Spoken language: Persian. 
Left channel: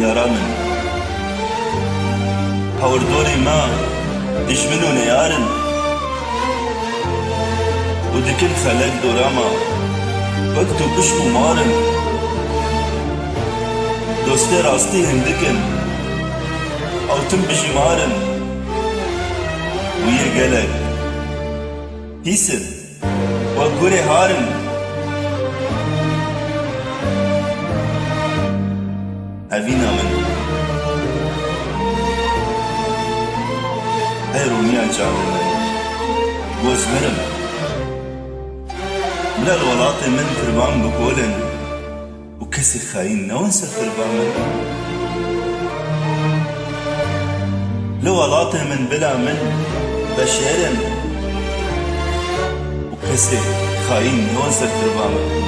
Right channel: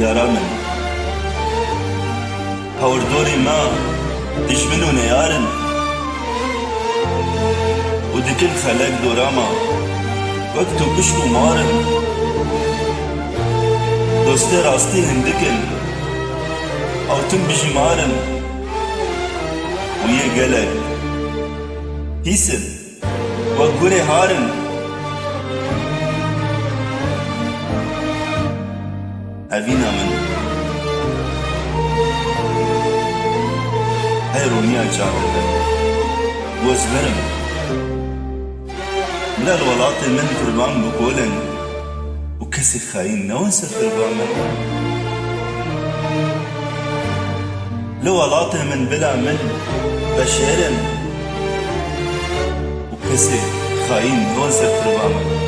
یارا من هەوردۆری ما دژمن و نەیارن و دکن خەلەک دۆراما وەک تو پشک و مارن دۆستێ ڕاستی هەندکن ئەوتم بژمارن و یê gelek hîsin wek gurê harin evîna min hey rûniya çavên min gozverim bila li welatê min firvan bikolin û kesê xayîn newin ser firva min li welatê min bila min beşêrin û kesê xayîn newin ser firva min